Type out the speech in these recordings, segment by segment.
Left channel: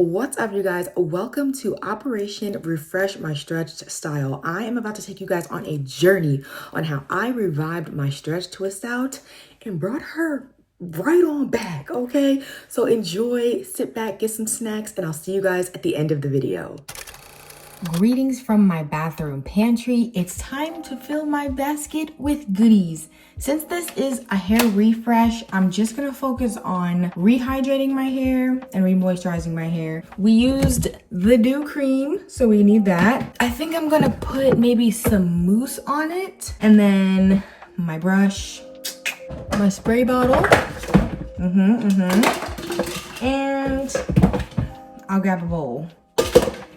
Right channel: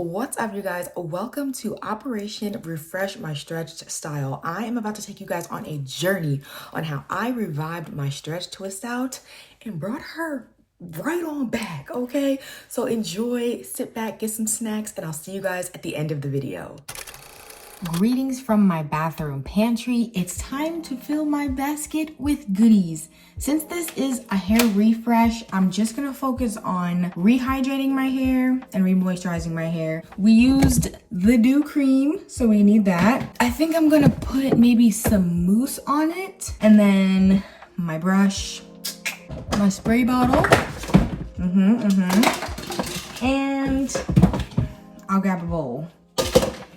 What's up, you guys? Welcome to Operation Refresh My Stretched Style. I am about to take you guys on a journey on how I revived my stretch twist out and brought her right on back, okay? So enjoy, sit back, get some snacks, and I'll see you guys at the end of the video. Greetings from my bathroom pantry. It's time to fill my basket with goodies. Since this is a hair refresh, I'm just gonna focus on rehydrating my hair and remoisturizing my hair. We used the Dew Cream, so we need that. I think I'm gonna put maybe some mousse on it, and then my brush, my spray bottle, and I'll grab a bowl.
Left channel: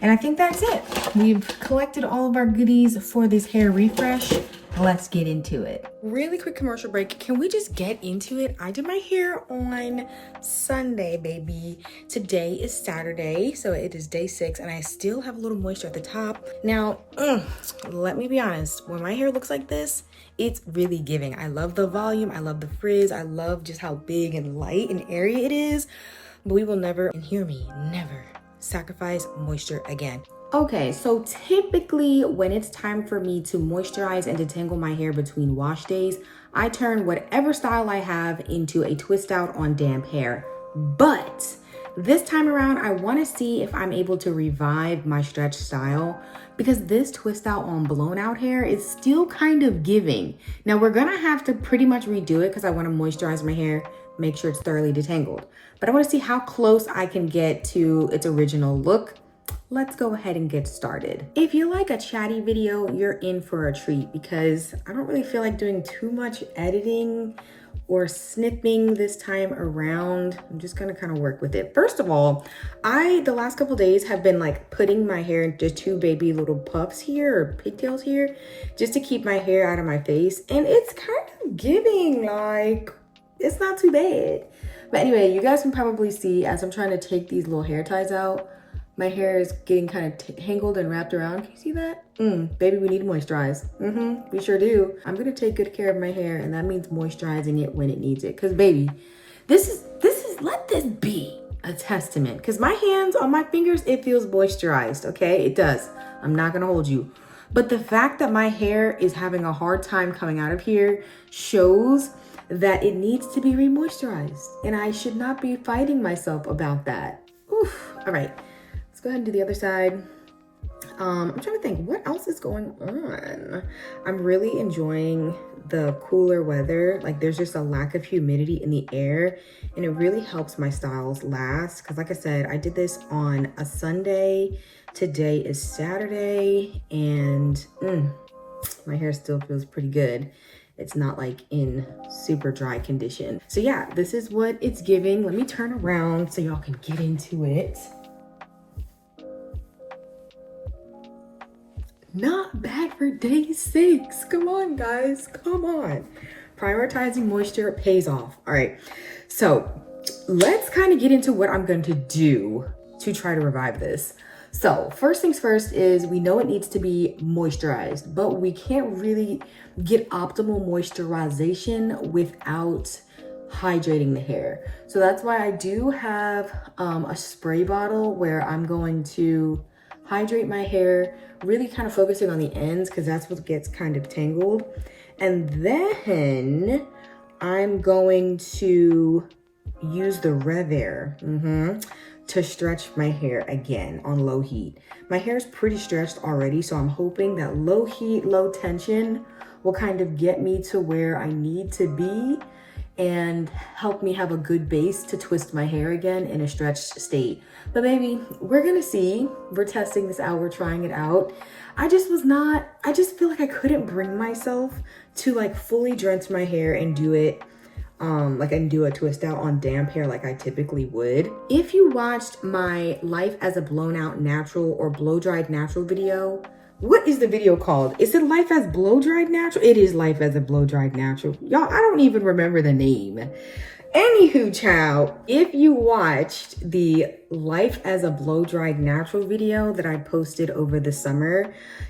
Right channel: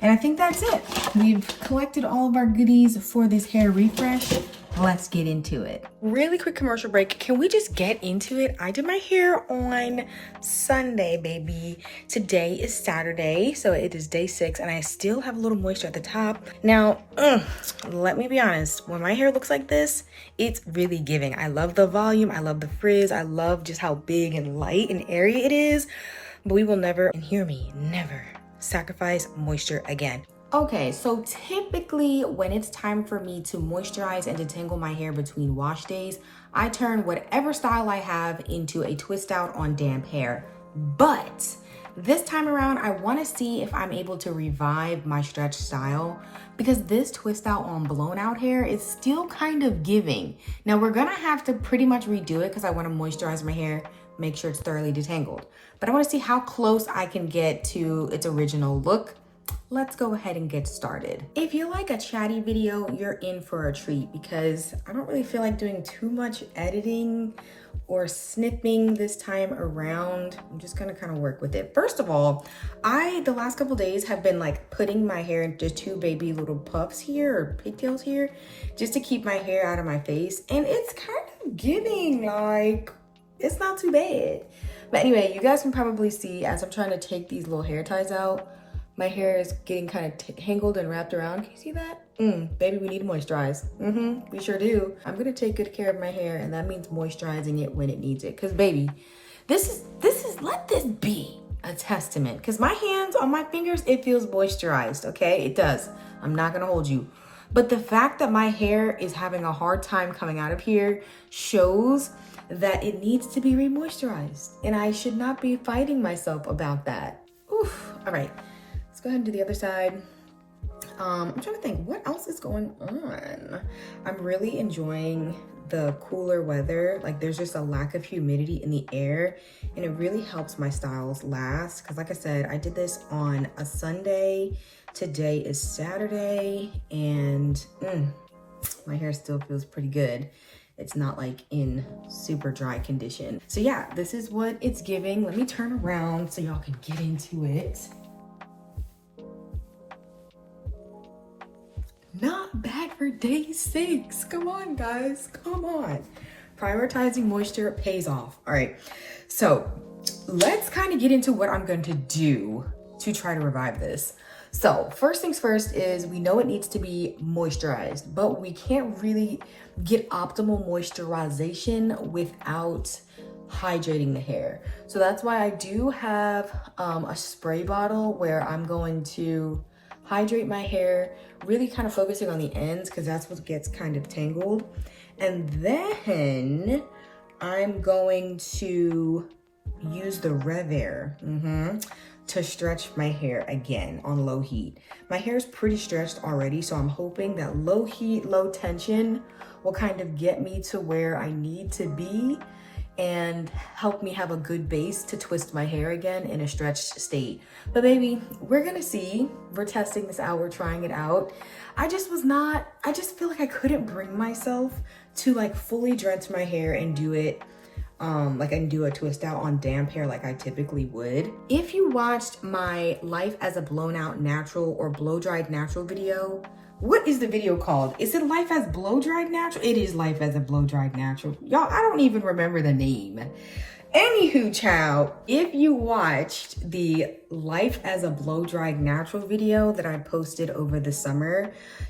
And I think that's it. We've collected all of our goodies for this hair refresh. Let's get into it. Really quick commercial break. Can we just get into it? I did my hair on Sunday, baby. Today is Saturday, so it is day 6, and I still have a little moisture at the top. Now, let me be honest. When my hair looks like this, it's really giving. I love the volume. I love the frizz. I love just how big and light and airy it is. But we will never, and hear me, never sacrifice moisture again. Okay, so typically when it's time for me to moisturize and detangle my hair between wash days, I turn whatever style I have into a twist out on damp hair. But this time around, I want to see if I'm able to revive my stretch style, because this twist out on blown out hair is still kind of giving. Now we're gonna have to pretty much redo it because I want to moisturize my hair, make sure it's thoroughly detangled. But I want to see how close I can get to its original look. Let's go ahead and get started. If you like a chatty video, you're in for a treat, because I don't really feel like doing too much editing or snipping this time around. I'm just gonna kind of work with it. First of all, the last couple days have been like putting my hair into 2 baby little puffs here, or pigtails here, just to keep my hair out of my face. And it's kind of giving, like, it's not too bad. But anyway, you guys can probably see as I'm trying to take these little hair ties out, my hair is getting kind of tangled and wrapped around. Can you see that? Baby, we need to moisturize. We sure do. I'm gonna take good care of my hair, and that means moisturizing it when it needs it. Cause baby, let this be a testament. Cause my hands on my fingers, it feels moisturized, okay? It does. I'm not gonna hold you. But the fact that my hair is having a hard time coming out of here shows that it needs to be remoisturized, and I should not be fighting myself about that. Oof. All right, let's go ahead and do the other side. I'm trying to think what else is going on. I'm really enjoying the cooler weather. Like, there's just a lack of humidity in the air, and it really helps my styles last. Because like I said, I did this on a Sunday. Today is Saturday, and my hair still feels pretty good. It's not like in super dry condition. So yeah, this is what it's giving. Let me turn around so y'all can get into it. Not bad for day 6. Come on, guys, come on. Prioritizing moisture pays off. All right, so let's kind of get into what I'm going to do to try to revive this. So first things first is, we know it needs to be moisturized, but we can't really get optimal moisturization without hydrating the hair. So that's why I do have a spray bottle where I'm going to hydrate my hair, really kind of focusing on the ends because that's what gets kind of tangled. And then I'm going to use the Revair to stretch my hair again on low heat. My hair is pretty stretched already, so I'm hoping that low heat, low tension will kind of get me to where I need to be and help me have a good base to twist my hair again in a stretched state. But baby, we're gonna see. We're testing this out, we're trying it out. I just feel like I couldn't bring myself to like fully drench my hair and do it like I can do a twist out on damp hair like I typically would. If you watched my life as a blown out natural or blow dried natural video, what is the video called? Is it life as blow dried natural? It is life as a blow dried natural. Y'all, I don't even remember the name. Anywho, child, if you watched the life as a blow dried natural video that I posted over the summer,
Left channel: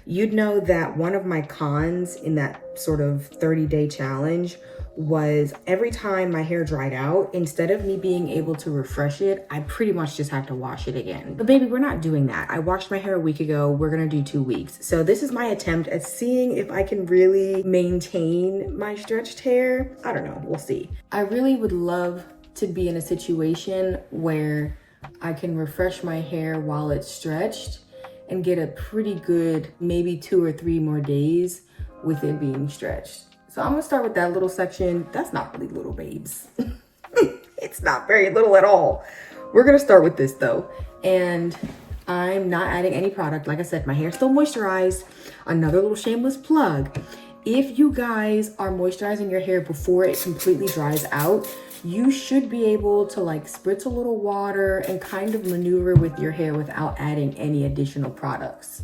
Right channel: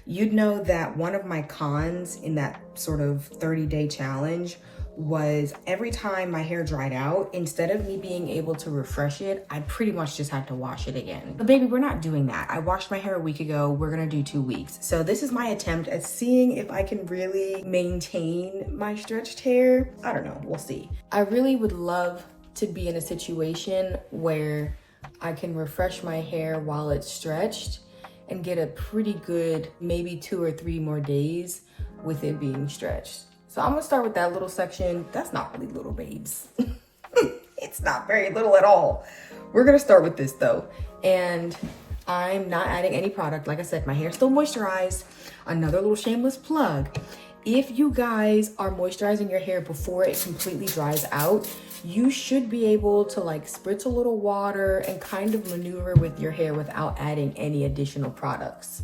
you'd know that one of my cons in that sort of 30-day challenge was every time my hair dried out, instead of me being able to refresh it, I pretty much just had to wash it again. But baby, we're not doing that. I washed my hair a week ago. We're gonna do 2 weeks. So this is my attempt at seeing if I can really maintain my stretched hair. I don't know, we'll see. I really would love to be in a situation where I can refresh my hair while it's stretched and get a pretty good, maybe 2 or 3 more days with it being stretched. So I'm gonna start with that little section. That's not really little, babes. It's not very little at all. We're gonna start with this though. And I'm not adding any product. Like I said, my hair's still moisturized. Another little shameless plug. If you guys are moisturizing your hair before it completely dries out, you should be able to like spritz a little water and kind of maneuver with your hair without adding any additional products.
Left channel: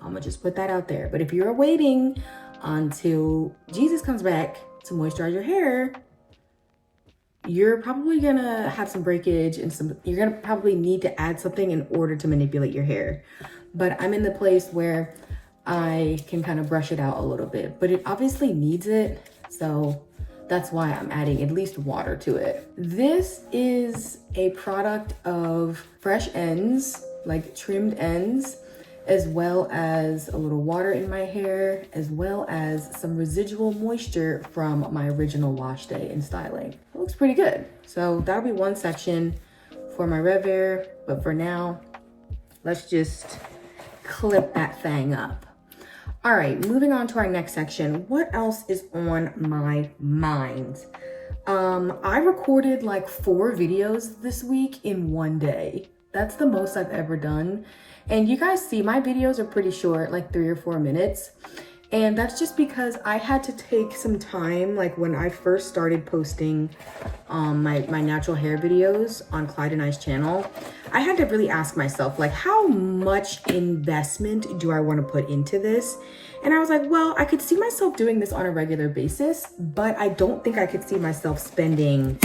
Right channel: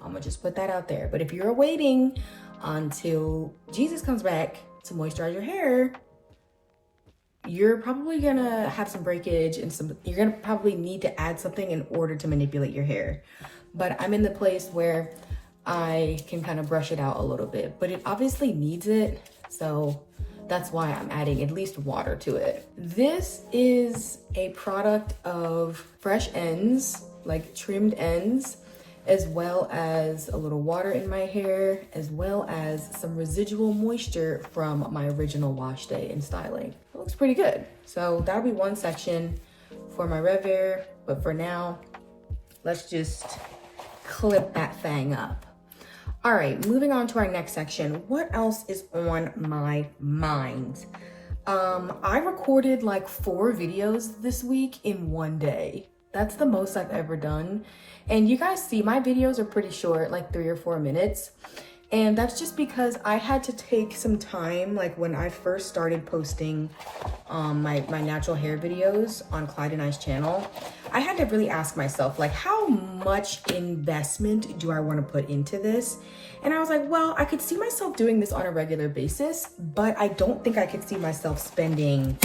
I'm gonna just put that out there. But if you're waiting until Jesus comes back to moisturize your hair, you're probably gonna have some breakage and you're gonna probably need to add something in order to manipulate your hair. But I'm in the place where I can kind of brush it out a little bit, but it obviously needs it. So that's why I'm adding at least water to it. This is a product of fresh ends, like trimmed ends, as well as a little water in my hair, as well as some residual moisture from my original wash day and styling. It looks pretty good. So that'll be one section for my Revair, but for now, let's just clip that thing up. All right, moving on to our next section. What else is on my mind? I recorded like 4 videos this week in one day. That's the most I've ever done. And you guys see my videos are pretty short, like 3 or 4 minutes. And that's just because I had to take some time, like when I first started posting my natural hair videos on Clyde and I's channel, I had to really ask myself, like, how much investment do I want to put into this? And I was like, well, I could see myself doing this on a regular basis, but I don't think I could see myself spending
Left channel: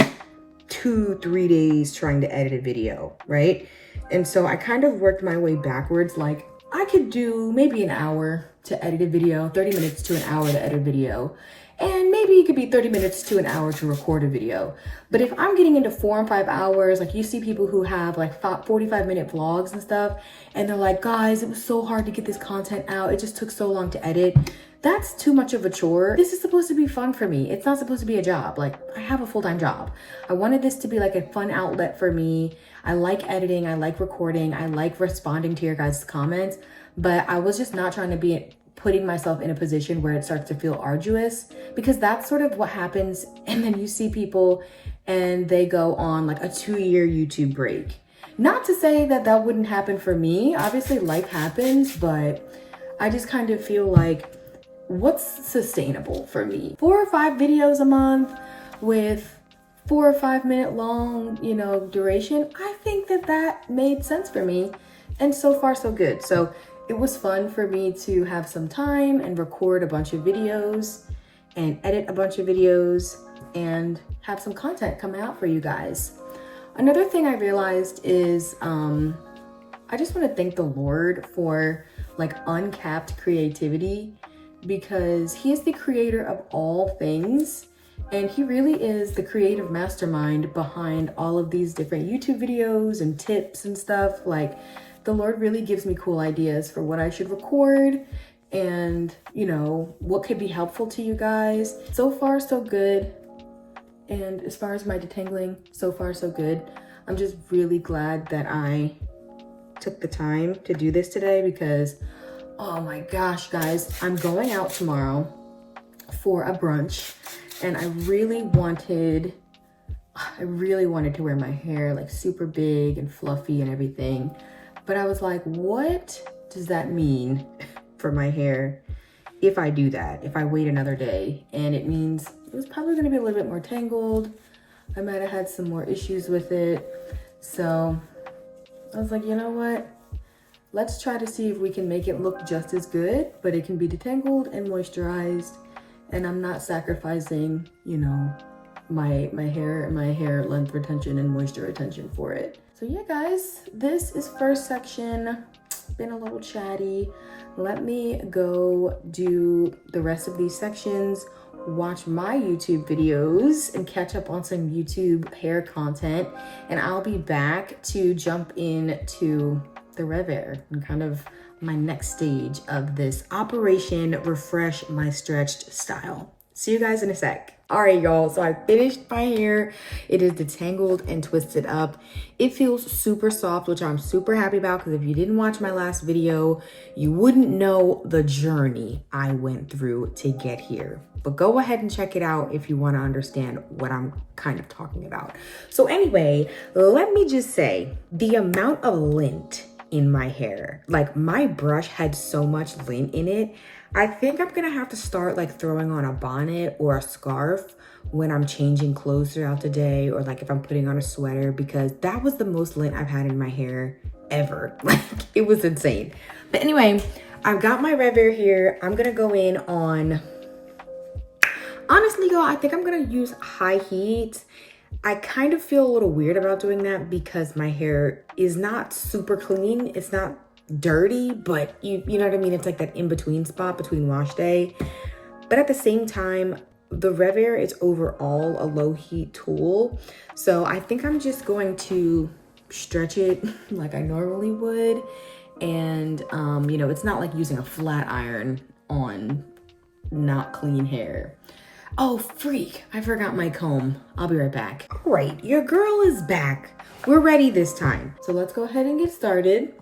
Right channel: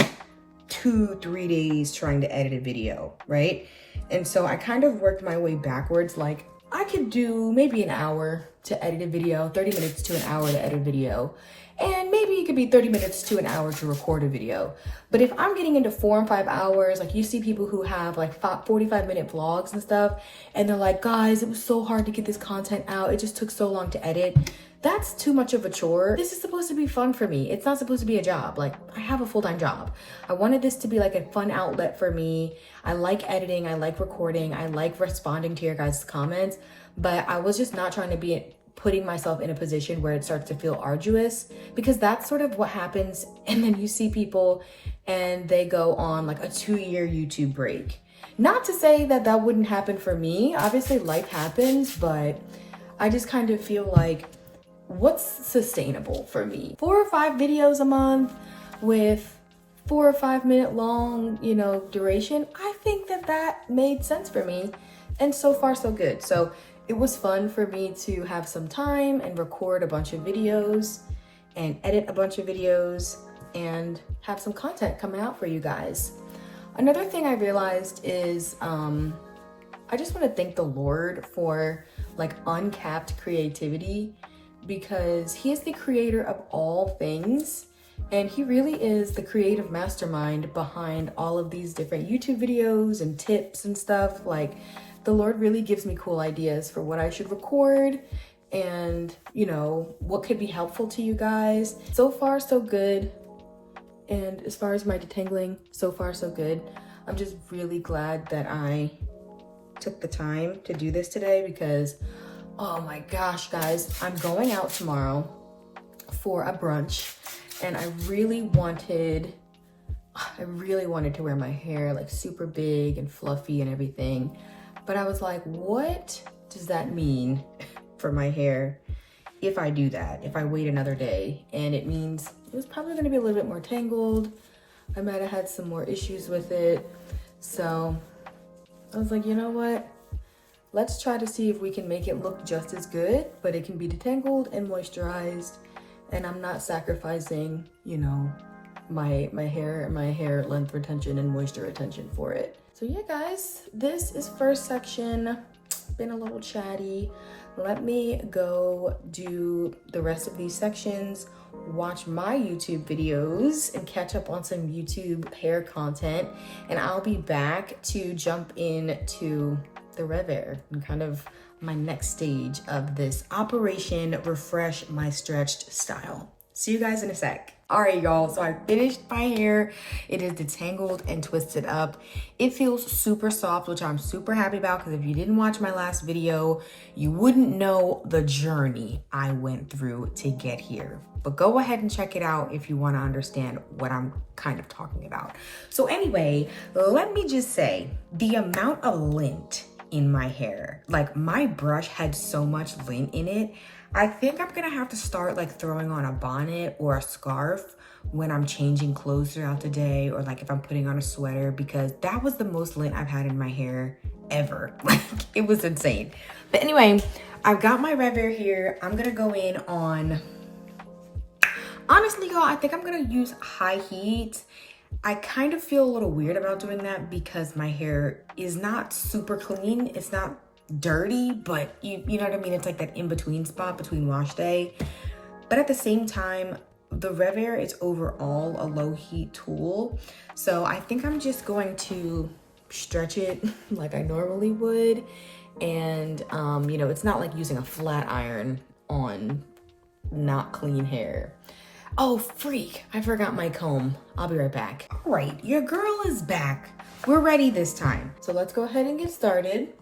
2-3 days trying to edit a video, right? And so I kind of worked my way backwards. Like I could do maybe an hour to edit a video, 30 minutes to an hour to edit a video. And maybe it could be 30 minutes to an hour to record a video. But if I'm getting into 4 and 5 hours, like you see people who have like 45-minute vlogs and stuff, and they're like, guys, it was so hard to get this content out. It just took so long to edit. That's too much of a chore. This is supposed to be fun for me. It's not supposed to be a job. Like I have a full-time job. I wanted this to be like a fun outlet for me. I like editing, I like recording, I like responding to your guys' comments, but I was just not trying to be putting myself in a position where it starts to feel arduous, because that's sort of what happens. And then you see people and they go on like a 2-year YouTube break. Not to say that that wouldn't happen for me. Obviously life happens, but I just kind of feel like what's sustainable for me? 4 or 5 videos a month with 4 or 5 minute long, you know, duration. I think that that made sense for me. And so far so good. So it was fun for me to have some time and record a bunch of videos and edit a bunch of videos and have some content coming out for you guys. Another thing I realized is I just want to thank the Lord for like uncapped creativity, because he is the creator of all things. And he really is the creative mastermind behind all of these different YouTube videos and tips and stuff. Like the Lord really gives me cool ideas for what I should record and, you know, what could be helpful to you guys. So far, so good. And as far as my detangling, so far, so good. I'm just really glad that I took the time to do this today, because, oh my gosh, guys, I'm going out tomorrow for a brunch. And I really wanted to wear my hair like super big and fluffy and everything. But I was like, what does that mean for my hair if I do that, if I wait another day? And it means it was probably gonna be a little bit more tangled. I might have had some more issues with it. So I was like, you know what? Let's try to see if we can make it look just as good, but it can be detangled and moisturized. And I'm not sacrificing, you know, my hair length retention and moisture retention for it. So yeah, guys, this is first section. Been a little chatty. Let me go do the rest of these sections watch my YouTube videos and catch up on some YouTube hair content. And I'll be back to jump into the Revair and kind of my next stage of this Operation Refresh My Stretched style. See you guys in a sec. All right, y'all, so I finished my hair. It is detangled and twisted up. It feels super soft, which I'm super happy about, because if you didn't watch my last video, you wouldn't know the journey I went through to get here. But go ahead and check it out if you want to understand what I'm kind of talking about. So anyway, let me just say, the amount of lint in my hair, like my brush had so much lint in it, I think I'm gonna have to start like throwing on a bonnet or a scarf when I'm changing clothes throughout the day, or like if I'm putting on a sweater, because that was the most lint I've had in my hair ever. Like, it was insane. But anyway, I've got my Revair here. I'm gonna go in on, honestly y'all, I think I'm gonna use high heat. I kind of feel a little weird about doing that because my hair is not super clean. It's not dirty, but you know what I mean? It's like that in-between spot between wash day. But at the same time, the Revair is overall a low heat tool. So I think I'm just going to stretch it like I normally would. And, you know, it's not like using a flat iron on not clean hair. Oh, freak, I forgot my comb. I'll be right back. All right, your girl is back. We're ready this time. So let's go ahead and get started.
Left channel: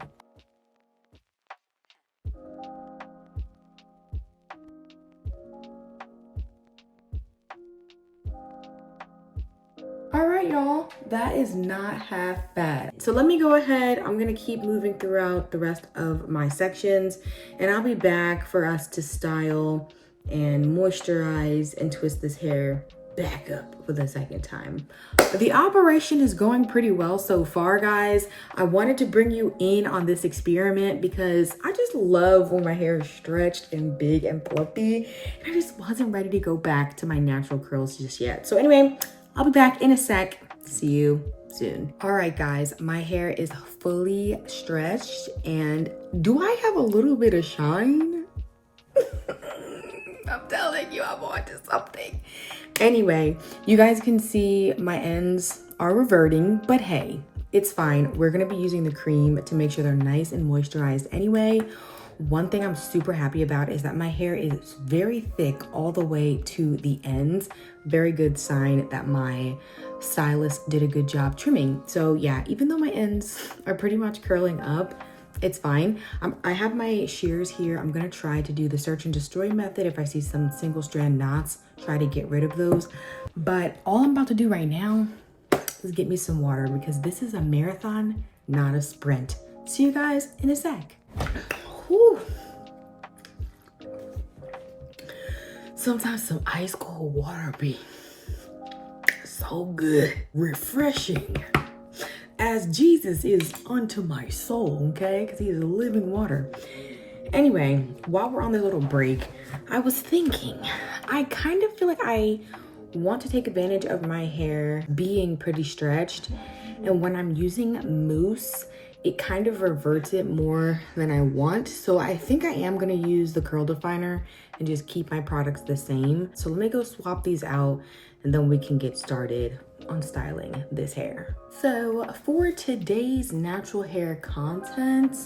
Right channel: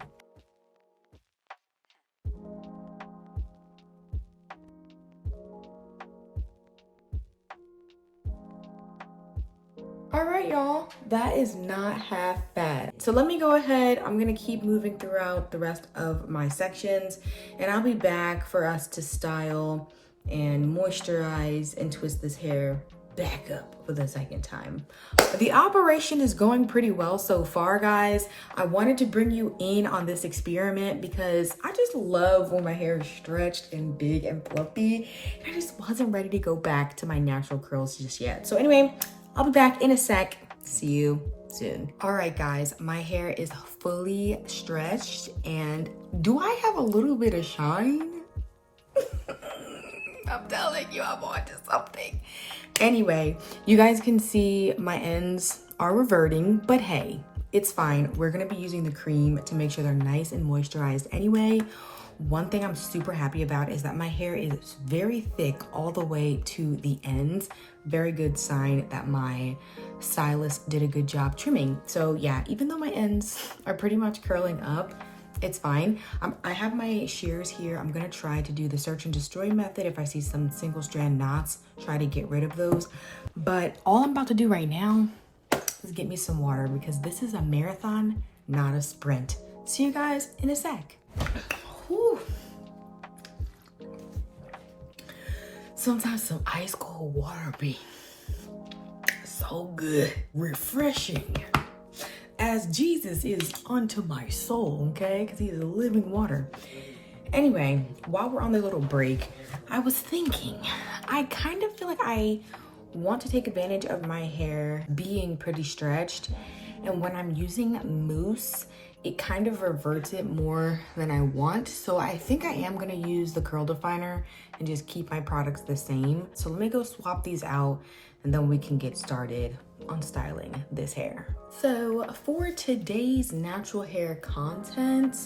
All right, y'all, that is not half bad. So let me go ahead. I'm gonna keep moving throughout the rest of my sections, and I'll be back for us to style and moisturize and twist this hair back up for the second time. The operation is going pretty well so far, guys. I wanted to bring you in on this experiment because I just love when my hair is stretched and big and fluffy. I just wasn't ready to go back to my natural curls just yet. So anyway, I'll be back in a sec. See you soon. All right, guys, my hair is fully stretched, and do I have a little bit of shine? I'm telling you, I'm on to something. Anyway, you guys can see my ends are reverting, but hey, it's fine. We're gonna be using the cream to make sure they're nice and moisturized anyway. One thing I'm super happy about is that my hair is very thick all the way to the ends. Very good sign that my stylist did a good job trimming. So yeah, even though my ends are pretty much curling up, it's fine. I have my shears here. I'm gonna try to do the search and destroy method. If I see some single strand knots, try to get rid of those. But all I'm about to do right now is get me some water, because this is a marathon, not a sprint. See you guys in a sec. Whew. Sometimes some ice cold water be so good, refreshing, as Jesus is unto my soul, okay? Because he is living water. Anyway, while we're on the little break, I was thinking, I kind of feel like I want to take advantage of my hair being pretty stretched. And when I'm using mousse, it kind of reverts it more than I want. So I think I am gonna use the curl definer and just keep my products the same. So let me go swap these out, and then we can get started on styling this hair. So for today's natural hair content,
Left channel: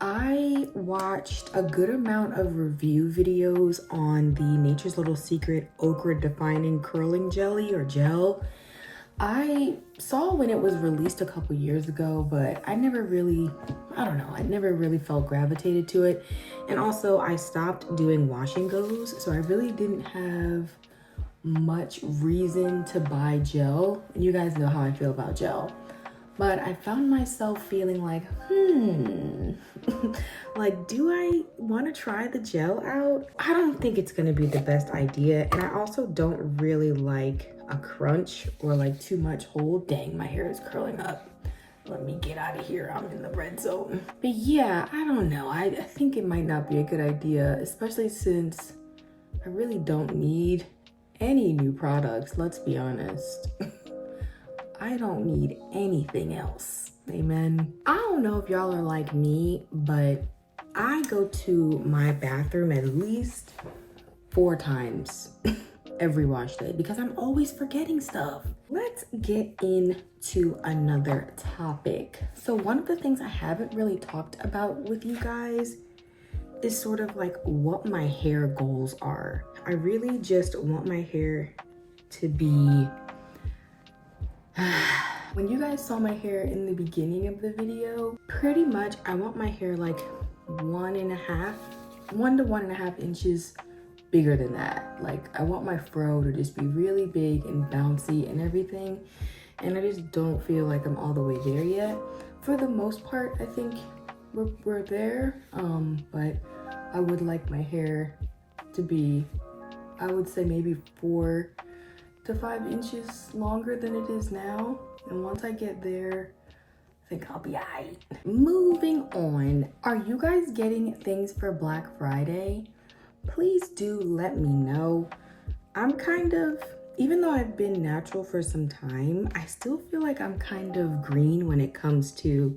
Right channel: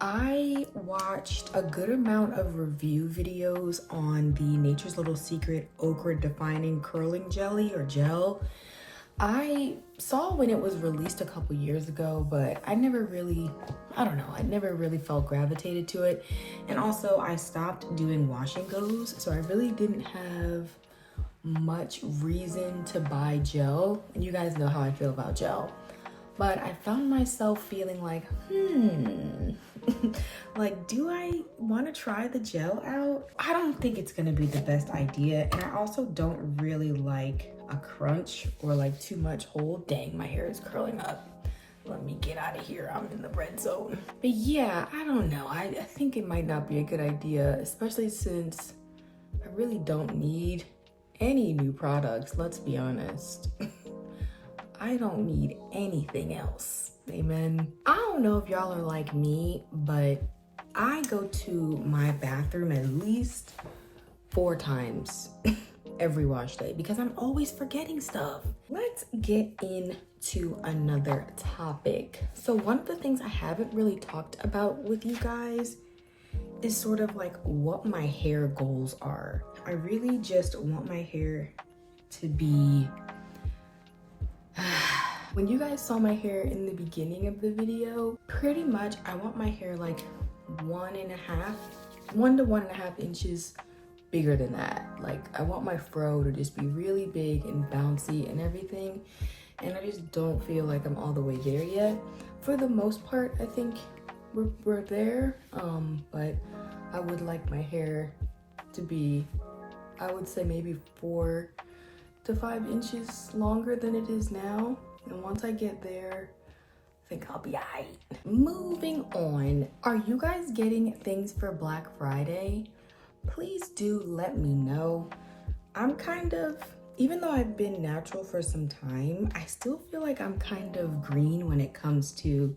I watched a good amount of review videos on the Nature's Little Secret Ochre Defining Curling Jelly or Gel. I saw when it was released a couple years ago, but I never really, I don't know, I never really felt gravitated to it. And also I stopped doing wash and goes, so I really didn't have much reason to buy gel. And you guys know how I feel about gel. But I found myself feeling like, like, do I want to try the gel out? I don't think it's going to be the best idea. And I also don't really like a crunch or like too much hold. Dang, my hair is curling up. Let me get out of here. I'm in the red zone. But yeah, I don't know. I think it might not be a good idea, especially since I really don't need any new products. Let's be honest. I don't need anything else. Amen. I don't know if y'all are like me, but I go to my bathroom at least 4 times every wash day because I'm always forgetting stuff. Let's get into another topic. So one of the things I haven't really talked about with you guys is sort of like what my hair goals are. I really just want my hair to be when you guys saw my hair in the beginning of the video, pretty much I want my hair like 1 to 1.5 inches bigger than that. Like I want my fro to just be really big and bouncy and everything, and I just don't feel like I'm all the way there yet. For the most part, I think we're there, but I would like my hair to be, I would say maybe 4 to 5 inches longer than it is now. And once I get there, I think I'll be alright. Moving on, are you guys getting things for Black Friday? Please do let me know. I'm kind of, even though I've been natural for some time, I still feel like I'm kind of green when it comes to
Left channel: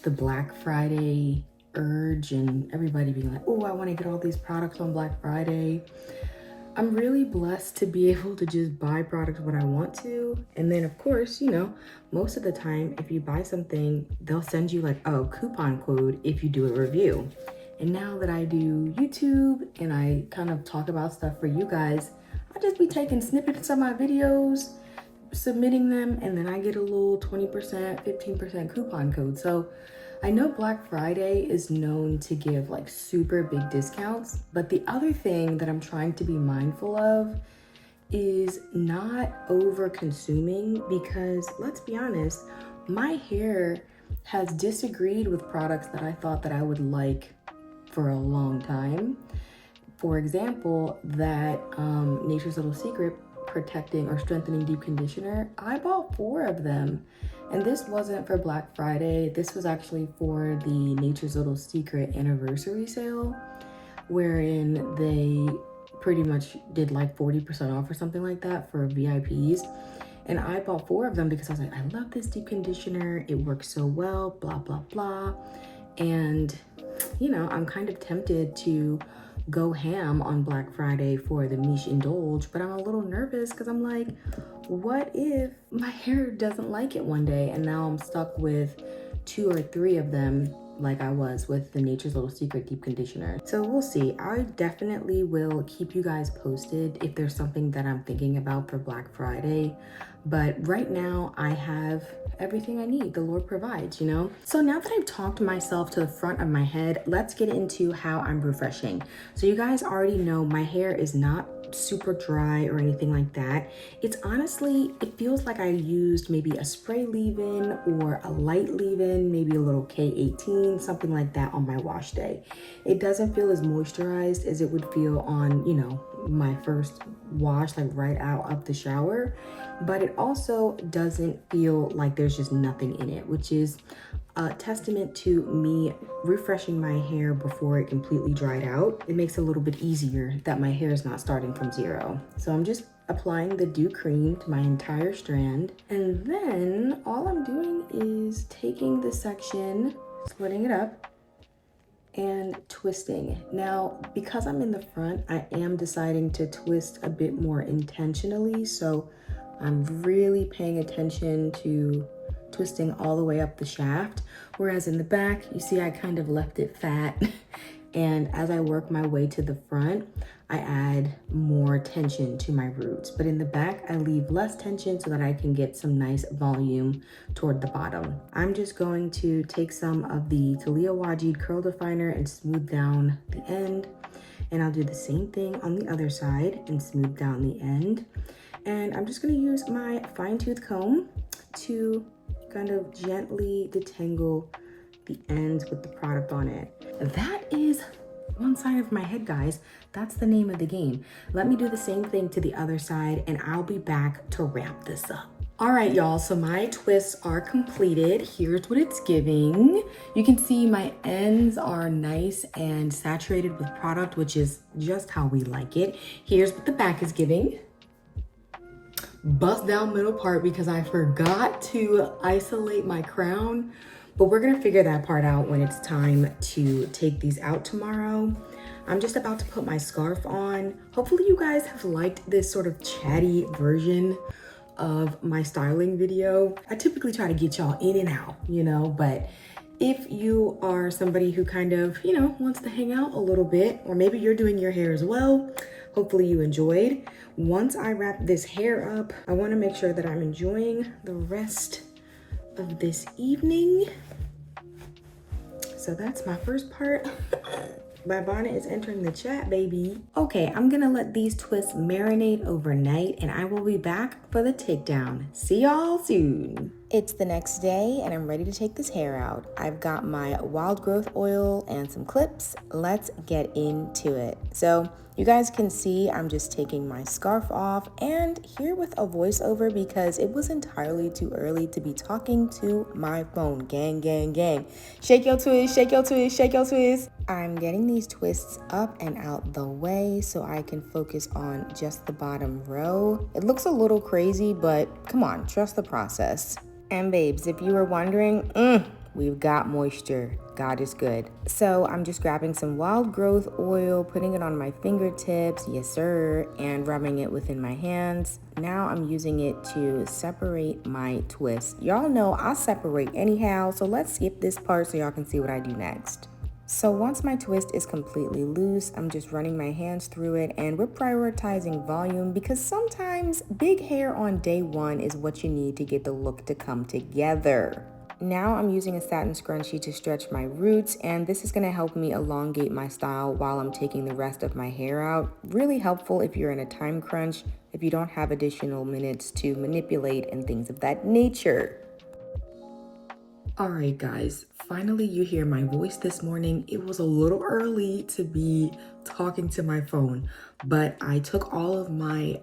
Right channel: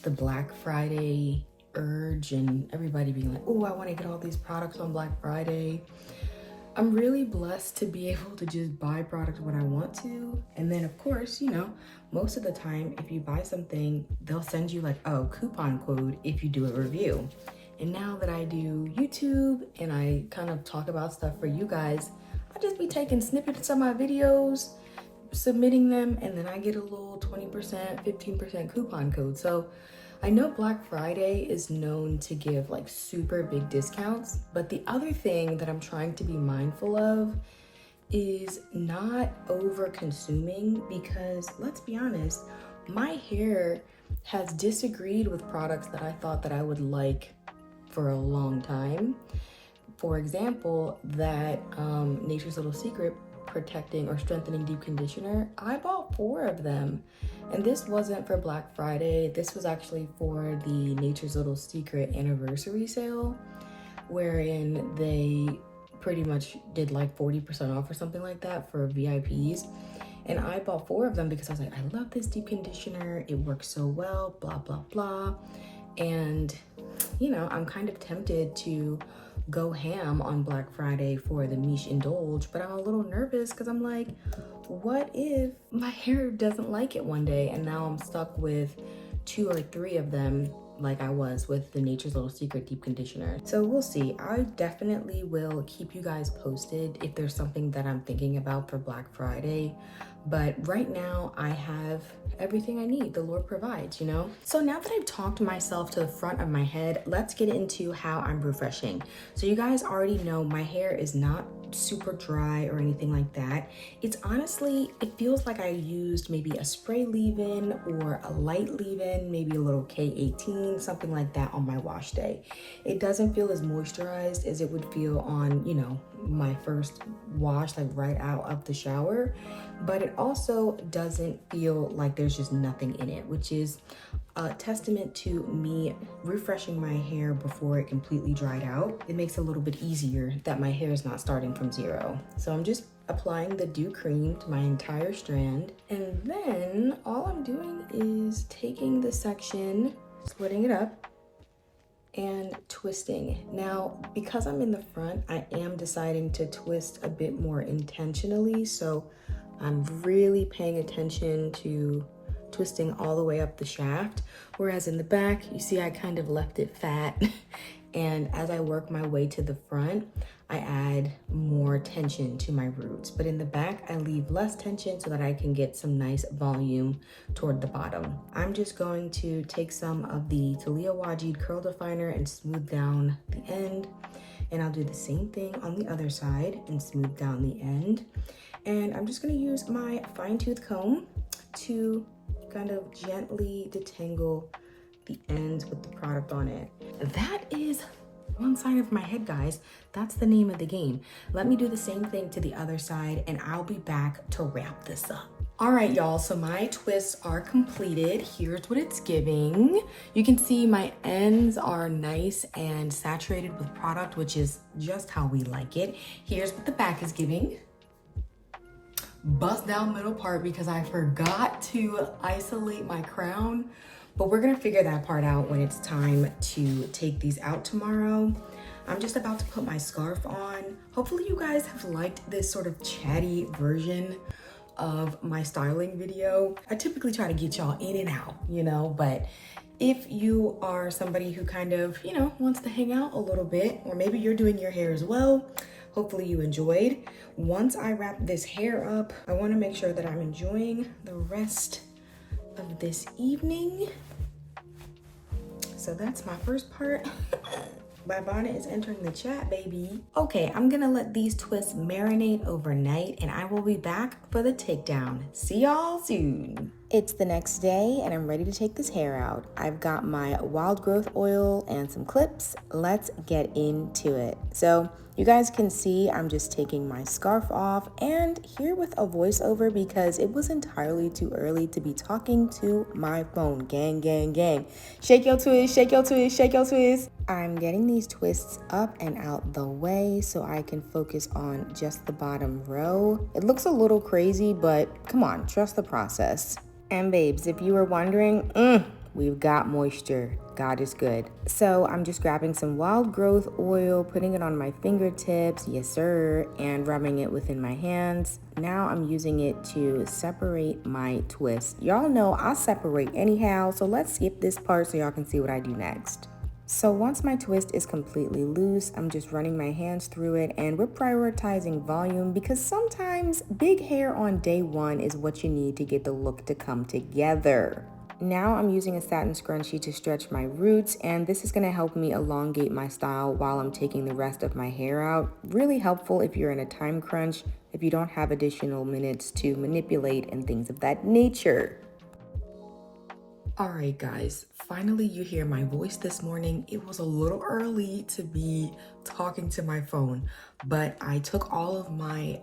the Black Friday urge and everybody being like, oh, I want to get all these products on Black Friday. I'm really blessed to be able to just buy products when I want to. And then of course, you know, most of the time, if you buy something, they'll send you like, oh, coupon code if you do a review. And now that I do YouTube and I kind of talk about stuff for you guys, I'll just be taking snippets of my videos, submitting them, and then I get a little 20%, 15% coupon code. So I know Black Friday is known to give like super big discounts, but the other thing that I'm trying to be mindful of is not over consuming, because let's be honest, my hair has disagreed with products that I thought that I would like for a long time. For example, that Nature's Little Secret protecting or strengthening deep conditioner, I bought 4 of them. And this wasn't for Black Friday. This was actually for the Nature's Little Secret anniversary sale, wherein they pretty much did like 40% off or something like that for VIPs. And I bought 4 of them because I was like, I love this deep conditioner. It works so well, blah, blah, blah. And, you know, I'm kind of tempted to go ham on Black Friday for the Miche Indulge, but I'm a little nervous because I'm like, what if my hair doesn't like it one day and now I'm stuck with 2 or 3 of them like I was with the Nature's Little Secret deep conditioner. So we'll see. I definitely will keep you guys posted if there's something that I'm thinking about for Black Friday. But right now I have everything I need. The Lord provides, you know? So now that I've talked myself to the front of my head, let's get into how I'm refreshing. So you guys already know my hair is not super dry or anything like that. It's honestly, it feels like I used maybe a spray leave-in or a light leave-in, maybe a little K18, something like that on my wash day. It doesn't feel as moisturized as it would feel on, you know, my first wash, like right out of the shower. But it also doesn't feel like there's just nothing in it, which is a testament to me refreshing my hair before it completely dried out. It makes it a little bit easier that my hair is not starting from zero. So I'm just applying the dew cream to my entire strand. And then all I'm doing is taking the section, splitting it up, and twisting. Now, because I'm in the front, I am deciding to twist a bit more intentionally. So I'm really paying attention to twisting all the way up the shaft. Whereas in the back, you see I kind of left it fat. And as I work my way to the front, I add more tension to my roots. But in the back, I leave less tension so that I can get some nice volume toward the bottom. I'm just going to take some of the Talia Wajid curl definer and smooth down the end. And I'll do the same thing on the other side and smooth down the end. And I'm just gonna use my fine tooth comb to kind of gently detangle the ends with the product on it. That is one side of my head, guys. That's the name of the game. Let me do the same thing to the other side and I'll be back to wrap this up. All right, y'all, so my twists are completed. Here's what it's giving. You can see my ends are nice and saturated with product, which is just how we like it. Here's what the back is giving. Bust down middle part because I forgot to isolate my crown, but we're gonna figure that part out when it's time to take these out tomorrow. I'm just about to put my scarf on. Hopefully you guys have liked this sort of chatty version of my styling video. I typically try to get y'all in and out, you know, but if you are somebody who kind of, you know, wants to hang out a little bit, or maybe you're doing your hair as well, hopefully you enjoyed. Once I wrap this hair up, I want to make sure that I'm enjoying the rest of this evening. So that's my first part. My bonnet is entering the chat, baby. Okay, I'm gonna let these twists marinate overnight and I will be back for the takedown. See y'all soon. It's the next day and I'm ready to take this hair out. I've got my wild growth oil and some clips. Let's get into it. So you guys can see I'm just taking my scarf off and here with a voiceover because it was entirely too early to be talking to my phone. Gang, gang, gang. Shake your twist, shake your twist, shake your twist. I'm getting these twists up and out the way so I can focus on just the bottom row. It looks a little crazy, but come on, trust the process. And babes, if you were wondering, we've got moisture. God is good. So I'm just grabbing some wild growth oil, putting it on my fingertips, yes sir, and rubbing it within my hands. Now I'm using it to separate my twist. Y'all know I separate anyhow, so let's skip this part so y'all can see what I do next. So once my twist is completely loose, I'm just running my hands through it and we're prioritizing volume because sometimes big hair on day one is what you need to get the look to come together. Now I'm using a satin scrunchie to stretch my roots and this is going to help me elongate my style while I'm taking the rest of my hair out. Really helpful if you're in a time crunch, if you don't have additional minutes to manipulate and things of that nature. All right, guys, finally you hear my voice this morning. It was a little early to be talking to my phone, but I took all of my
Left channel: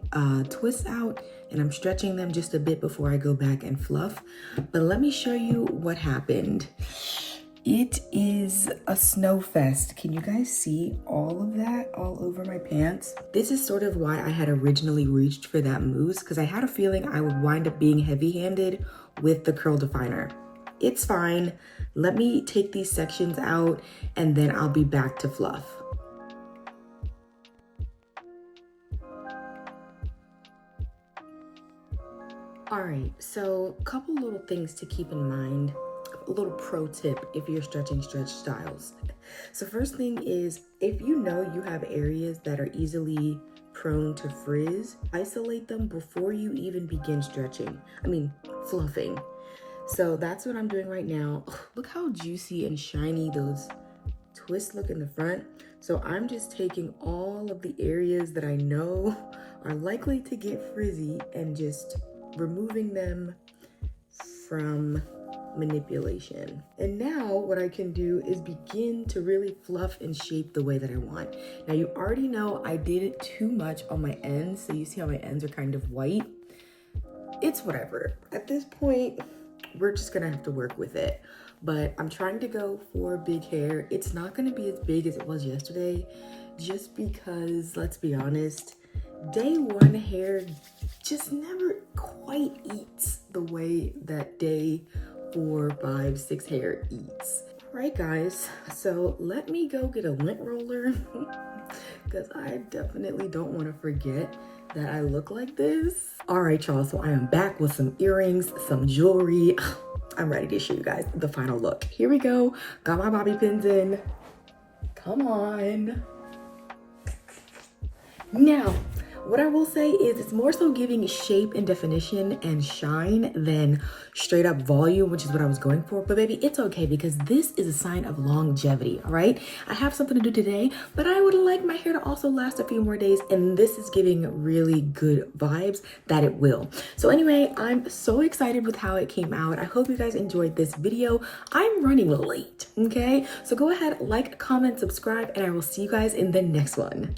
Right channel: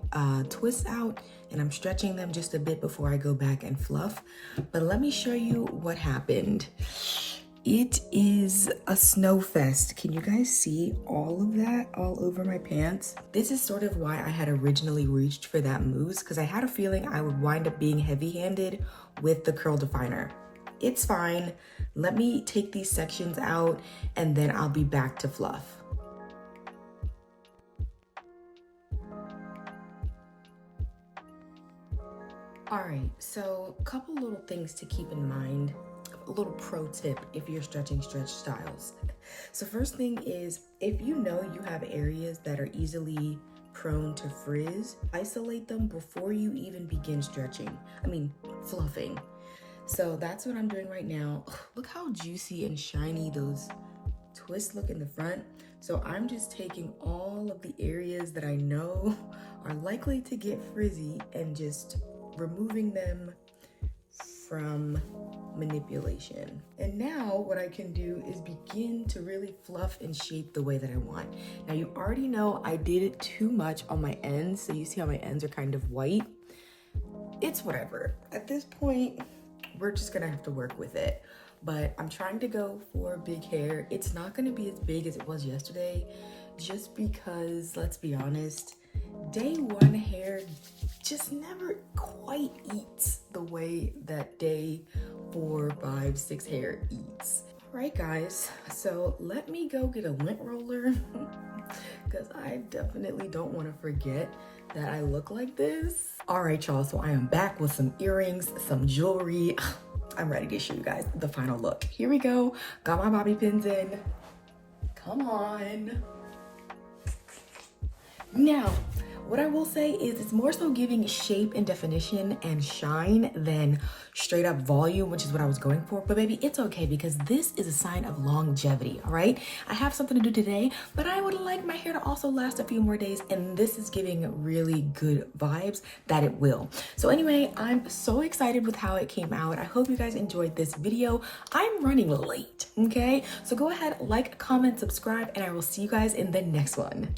twists out and I'm stretching them just a bit before I go back and fluff. But let me show you what happened. It is a snow fest. Can you guys see all of that all over my pants? This is sort of why I had originally reached for that mousse because I had a feeling I would wind up being heavy-handed with the curl definer. It's fine. Let me take these sections out and then I'll be back to fluff. All right, so a couple little things to keep in mind. A little pro tip if you're stretching stretch styles. So first thing is, if you know you have areas that are easily prone to frizz, isolate them before you even begin fluffing. So that's what I'm doing right now. Look how juicy and shiny those twists look in the front. So I'm just taking all of the areas that I know are likely to get frizzy and just removing them from manipulation. And now what I can do is begin to really fluff and shape the way that I want. Now you already know I did it too much on my ends. So you see how my ends are kind of white. It's whatever. At this point, we're just gonna have to work with it. But I'm trying to go for big hair. It's not gonna be as big as it was yesterday, just because, let's be honest, day one hair just never quite eats the way that day 4, 5, 6 hair eats. All right, guys, so let me go get a lint roller because I definitely don't want to forget that I look like this. All right, y'all, so I am back with some earrings, some jewelry. I'm ready to show you guys the final look. Here we go. Got my bobby pins in. Come on. Now, what I will say is it's more so giving shape and definition and shine than straight up volume, which is what I was going for. But baby, it's okay because this is a sign of longevity, all right? I have something to do today, but I would like my hair to also last a few more days, and this is giving really good vibes that it will. So anyway, I'm so excited with how it came out. I hope you guys enjoyed this video. I'm running late, okay? So go ahead, like, comment, subscribe, and I will see you guys in the next one.